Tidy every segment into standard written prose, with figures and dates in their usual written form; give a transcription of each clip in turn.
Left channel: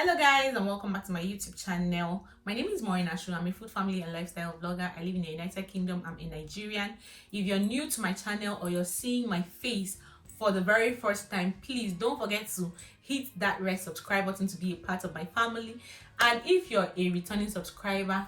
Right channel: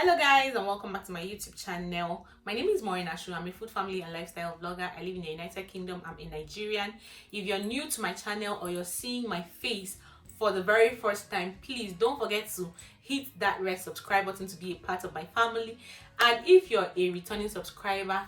Hello guys, and welcome back to my YouTube channel. My name is Maureen Achu. I'm a food, family and lifestyle vlogger. I live in the United Kingdom. I'm a Nigerian. If you're new to my channel or you're seeing my face for the very first time, please don't forget to hit that red subscribe button to be a part of my family. And if you're a returning subscriber,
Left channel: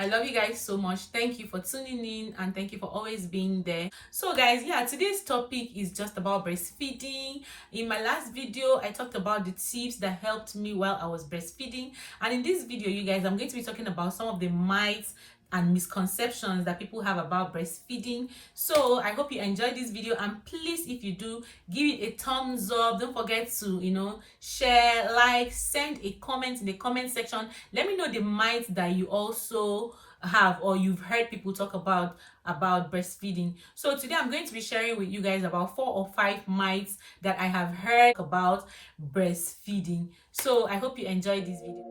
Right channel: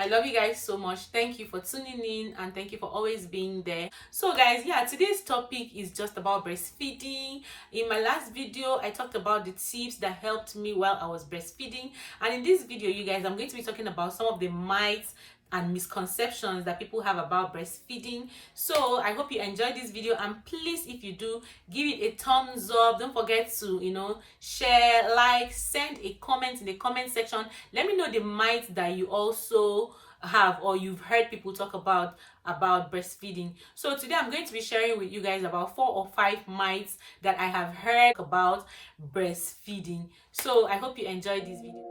I love you guys so much. Thank you for tuning in and thank you for always being there. So guys, yeah, today's topic is just about breastfeeding. In my last video, I talked about the tips that helped me while I was breastfeeding. And in this video, you guys, I'm going to be talking about some of the myths and misconceptions that people have about breastfeeding. So I hope you enjoyed this video, and please, if you do, give it a thumbs up. Don't forget to share, like, send a comment in the comment section. Let me know the myths that you also have or you've heard people talk about breastfeeding. So today I'm going to be sharing with you guys about 4 or 5 myths that I have heard about breastfeeding. So I hope you enjoyed this video.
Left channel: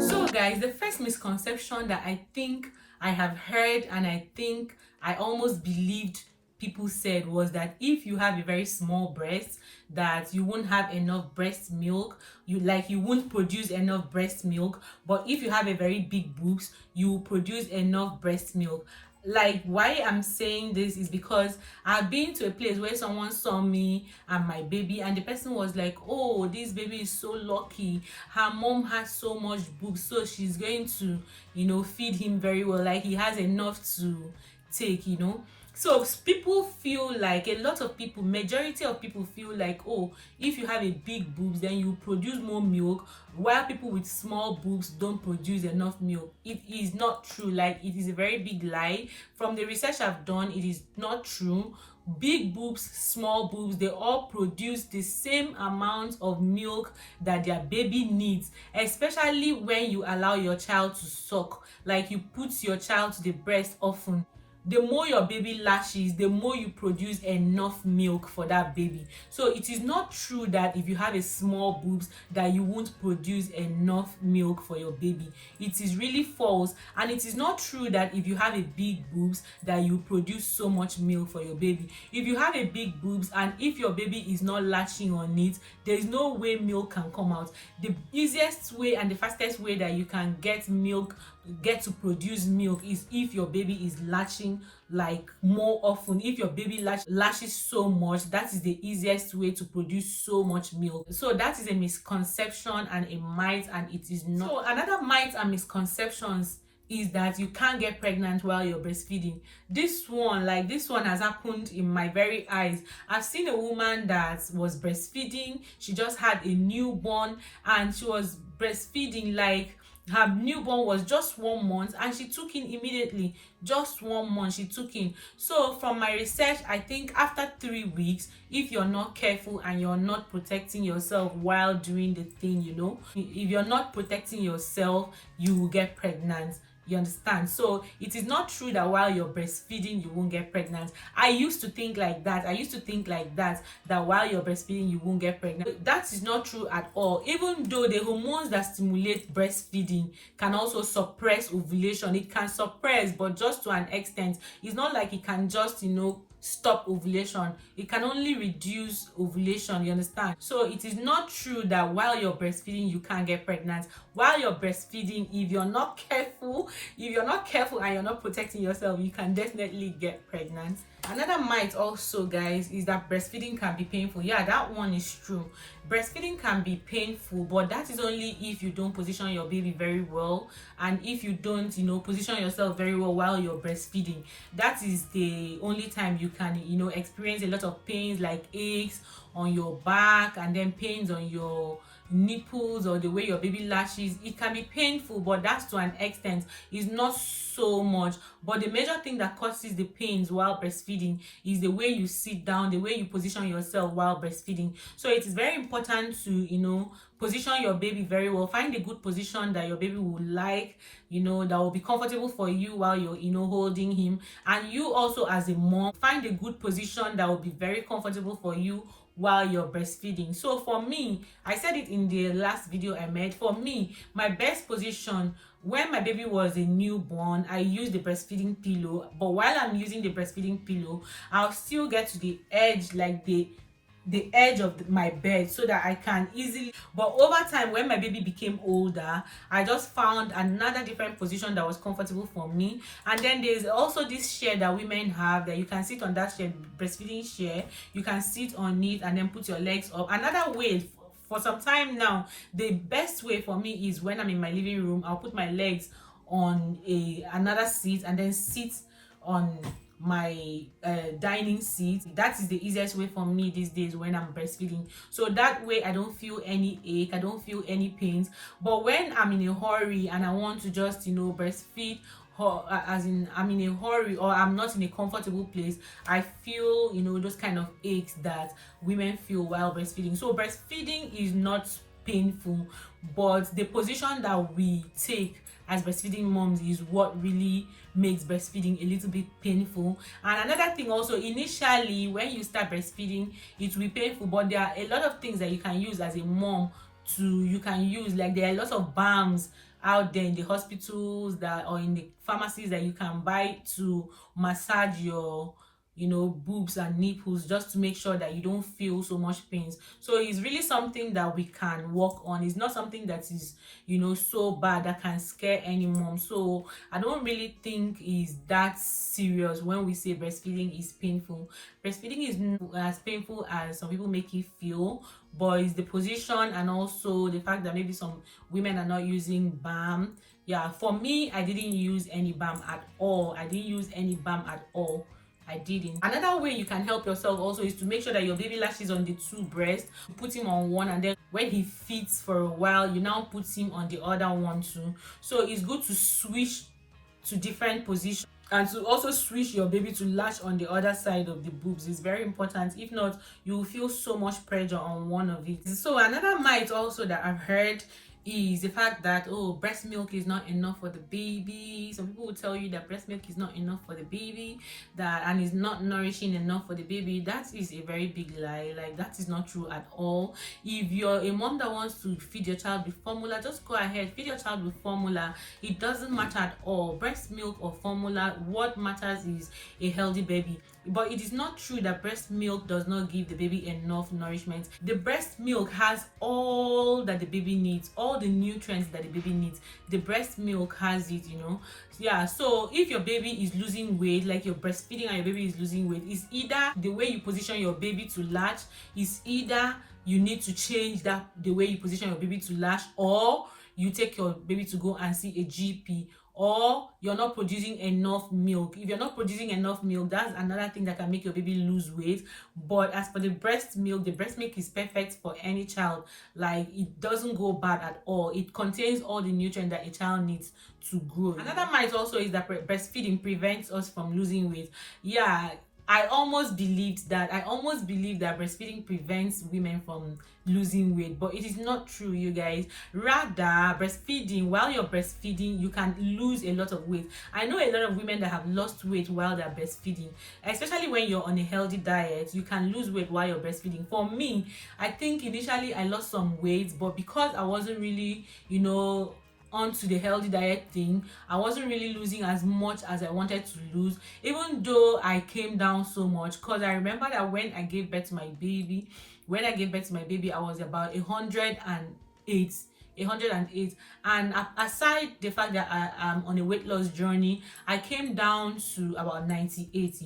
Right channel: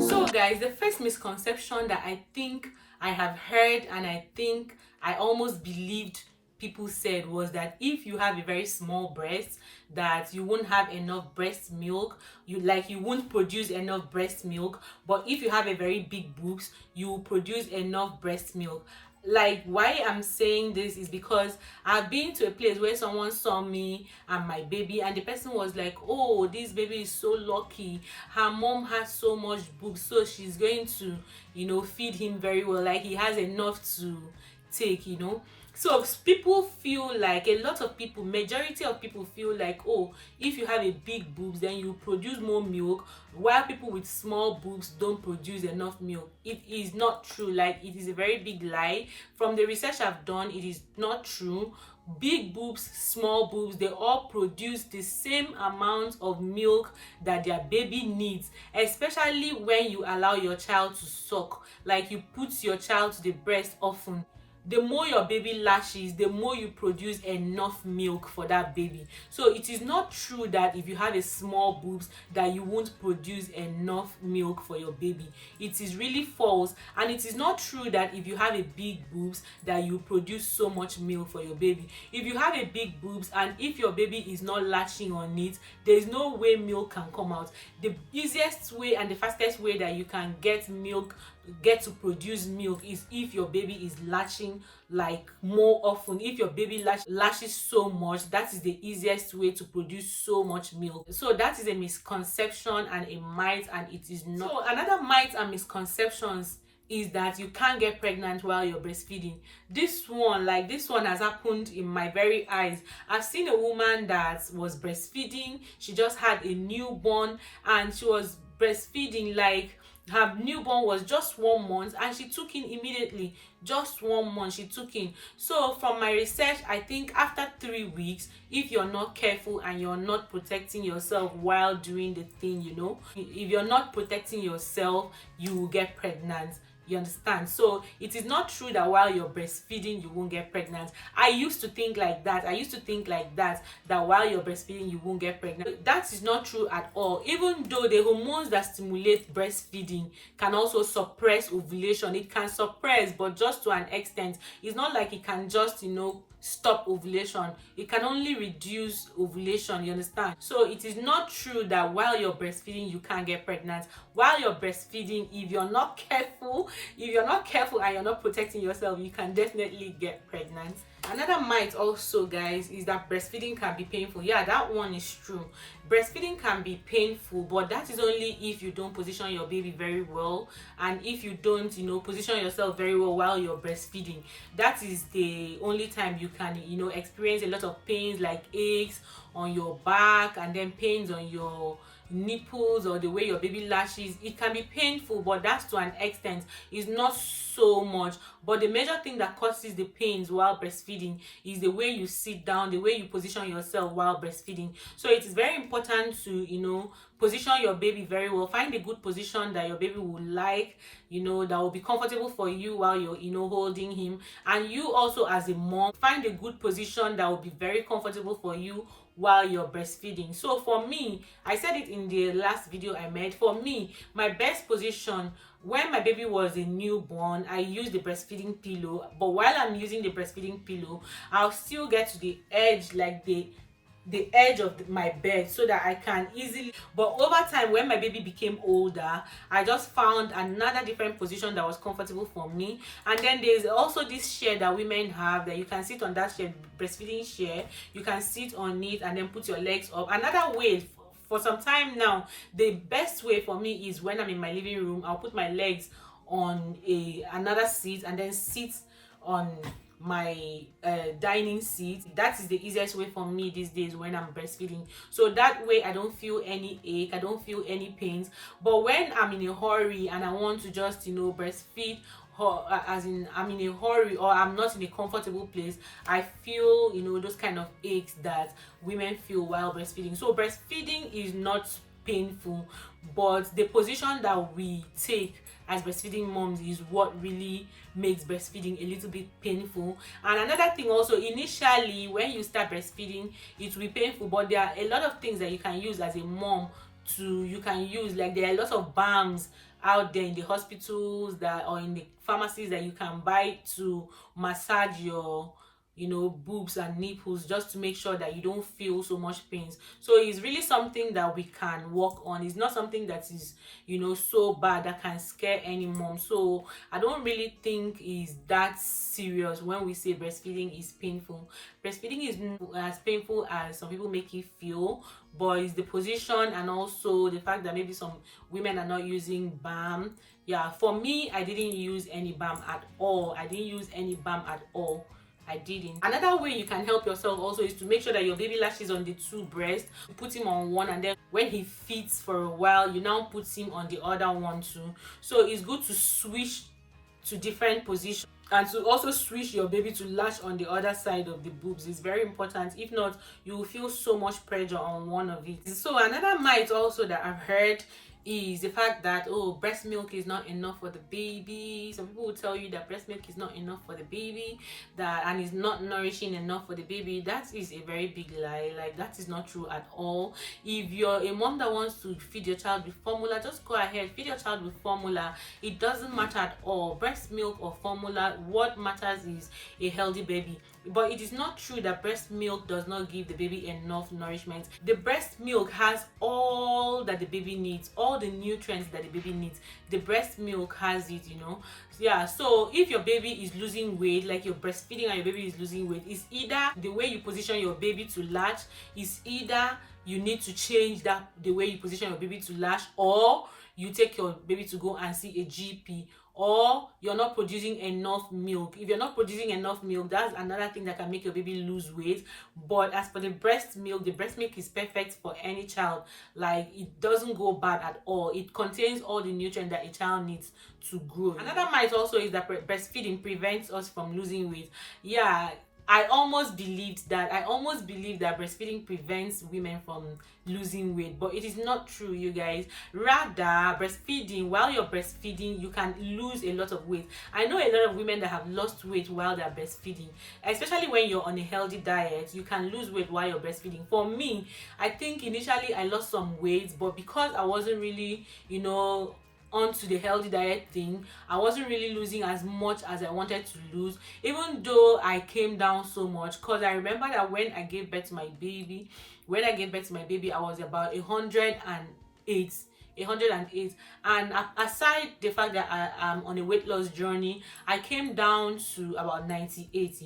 So guys, the first misconception that I think I have heard, and I think I almost believed people said, was that if you have a very small breast, that you won't have enough breast milk, you won't produce enough breast milk. But if you have a very big boobs, you will produce enough breast milk. Like, why I'm saying this is because I've been to a place where someone saw me and my baby, and the person was like, oh, this baby is so lucky, her mom has so much boobs, so she's going to feed him very well, like he has enough to take. So people feel like, a lot of people, majority of people feel like, oh, if you have a big boobs, then you produce more milk, while people with small boobs don't produce enough milk. It is not true. Like, it is a very big lie. From the research I've done, it is not true. Big boobs, small boobs, they all produce the same amount of milk that their baby needs, especially when you allow your child to suck. Like, you put your child to the breast often. The more your baby latches, the more you produce enough milk for that baby. So it is not true that if you have a small boobs that you won't produce enough milk for your baby. It is really false. And it is not true that if you have a big boobs that you produce so much milk for your baby. If you have a big boobs and if your baby is not latching on it, there is no way milk can come out. The easiest way and the fastest way that you can get to produce milk is if your baby is latching like more often. If your baby latches so much, that is the easiest way to produce so much milk. So that is a misconception and a myth, and it is not. So another myth and misconceptions is that you can't get pregnant while you're breastfeeding. This one has happened in my very eyes. I've seen a woman that was breastfeeding. She just had a newborn and she was breastfeeding, like her newborn was just 1 month and she took in immediately. Just 1 month she took in. So from my research, I think after 3 weeks, if you're not careful and you're not protecting yourself while doing the thing, if you're not protecting yourself, you will get pregnant. You understand? So it is not true that while you're breastfeeding you won't get pregnant. I used to think like that. That while you're breastfeeding you won't get pregnant. That is not true at all. Even though the hormones that stimulate breastfeeding can also suppress ovulation, it can suppress, but just to an extent. It's not like it can just stop ovulation. It can only reduce ovulation. You understand? So it is not true that while you're breastfeeding you can't get pregnant. While you're breastfeeding, if you're not careful and you're not protecting yourself, you can definitely get pregnant. Another myth also, guys, is that breastfeeding can be painful. Yeah, that one is true. Breastfeeding can be painful, but that is only if you don't position your baby very well, and if you don't position yourself very well while you're breastfeeding. That is the only time you can experience a lot of pains, like aches on your back and then pains on your nipples or the way your baby latches. It can be painful, but that's to an extent. It's not so much. But the major thing that causes the pains while breastfeeding is the way you sit down, the way you position yourself while breastfeeding. So it is very important to position your baby very well. Find a good position that your baby will like, that will be comfortable for you while you're holding him. And you also, as a mom, find a good position that will be very comfortable for you while you're breastfeeding. So for me, I said it in the last video I made, for me, my best position when my baby was a newborn, I used the breastfeeding pillow. But while I'm using the breastfeeding pillow, I'll still get to the edge, like the edge of my bed, so that I can easily. But over time, when my baby became older, I just found another different position that was comfortable for me. And then there's also this chair that women have, that you can sit on, that chair, breastfeeding chair. You can sit on it and then put your legs up. Another way, for some time now, the best way for me is when I'm in my living room, I'll put my legs on another seat and then sit on my dining seat. That is the easiest way for me these days when I'm breastfeeding. So that way I don't feel any ache, I don't feel any pains. But when I'm in a hurry and I want to just, breastfeed, as in I'm in a hurry or I'm not in a comfortable place, I feel, those kind of aches that women feel while breastfeeding. So breastfeeding is not painful, but the position that we take as breastfeeding moms is what really makes breastfeeding a little bit painful. And another thing also, initially when you start breastfeeding, it will be painful, but there are a lot of things that you can use as a mom you can use. Like, there are a lot of balms out there in the hospitals or in the pharmacies that you can buy to massage your boobs and nipples, just to make sure that you don't feel so much pains. So it's really something that we can work on. It's not something that is so bad that can scare any mom. So I don't really think is that serious when we say breastfeeding is painful. Breastfeeding is not as painful as some people make it feel, but it's the position and also the fact that maybe some women are not using balm. Yeah, for me, I didn't use any balm at all. I didn't. Another way you can help yourself also is to make sure that your baby latches on the two breasts. You put him on one, and then when he feeds for a while, you now put him on the other one too. So it's good to switch to different positions, and to also switch your baby to latch on the other side of the boobs. It's very important. If not, you will feel so much pressure on one of it. So another myth also that I've heard is the fact that, oh, breast milk is not enough for the baby. Some people will tell you that breast milk is not enough for the baby, and is not nourishing enough for the baby. That is a very big lie. Like, that is not true at all. If you're a mom that wants to feed your child with formula, just go ahead, feed your child with formula. It doesn't matter at all, breast milk or formula. What matters is a healthy baby. But it is not true that breast milk does not give the baby enough nourishment. The breast milk has all that the baby needs, all the nutrients that the baby needs. The breast milk has it, Yeah, so if your baby is losing weight, like you're breastfeeding and your baby is losing weight, it's either the way you position your baby to latch, is either you need to change the way you position your baby to latch, or you take your baby to go and see a GP, or you're not producing enough milk. If you're not producing enough milk, that's another thing that can make your baby lose weight. But as for the breast milk is perfect for any child. Like, it doesn't go bad at all. It contains all the nutrients that a child needs to grow. Another myth also is that breastfeeding prevents us from losing weight. Yeah, I almost believed that breastfeeding prevents women from losing weight, but it is not true, you guys. Rather, while you're breastfeeding, you can lose a lot of weight. I know a lot of women that have lost weight while they're breastfeeding, especially when you're on a healthy diet. You can lose weight while you're breastfeeding. For me, I think initially I lost some weight, but because I wasn't really, onto the healthy diet thing, I wasn't really losing as much as I wanted to lose, even though I came down so much. Because I remember that when I gave birth to my baby, I was about 108. And aside the fact that I am on a weight loss journey, I came down to about 98.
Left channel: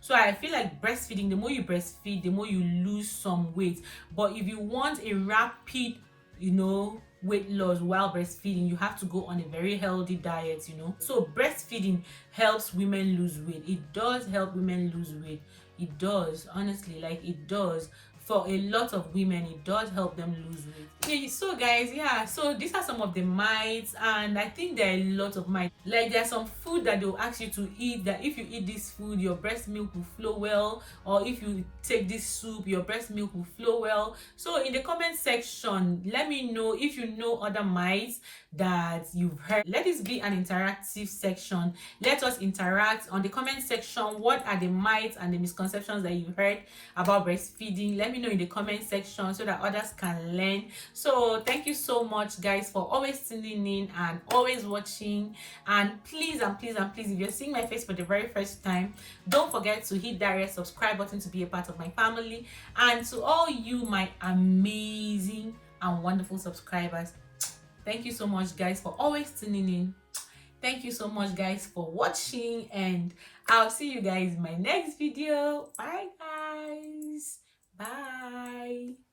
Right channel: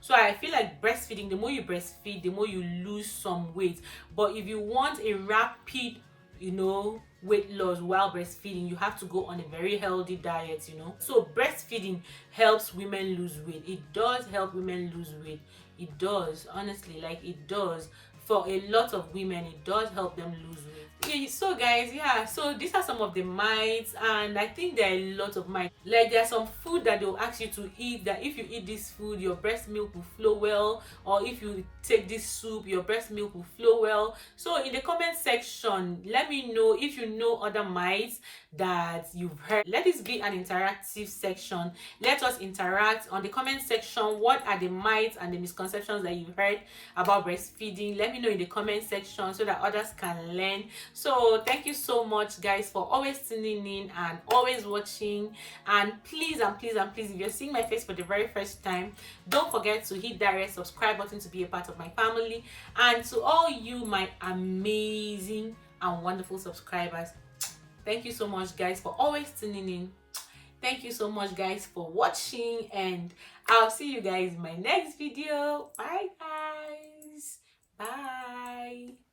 So I feel like breastfeeding, the more you breastfeed, the more you lose some weight. But if you want a rapid weight loss while breastfeeding, you have to go on a very healthy diet. So breastfeeding helps women lose weight. It does help women lose weight. It does, honestly, like, it does. For a lot of women, it does help them lose weight. Okay, so guys, yeah, so these are some of the myths, and I think there are a lot of myths. Like, there's some food that they'll ask you to eat, that if you eat this food, your breast milk will flow well, or if you take this soup, your breast milk will flow well. So in the comment section, let me know if you know other myths that you've heard. Let this be an interactive section. Let us interact on the comment section. What are the myths and the misconceptions that you've heard about breastfeeding? Let me know in the comment section so that others can learn. So thank you so much, guys, for always tuning in and always watching. And please, if you're seeing my face for the very first time, don't forget to hit that red subscribe button to be a part of my family. And to all you, my amazing and wonderful subscribers, thank you so much, guys, for always tuning in. Thank you so much, guys, for watching, and I'll see you guys in my next video. Bye, guys. Bye.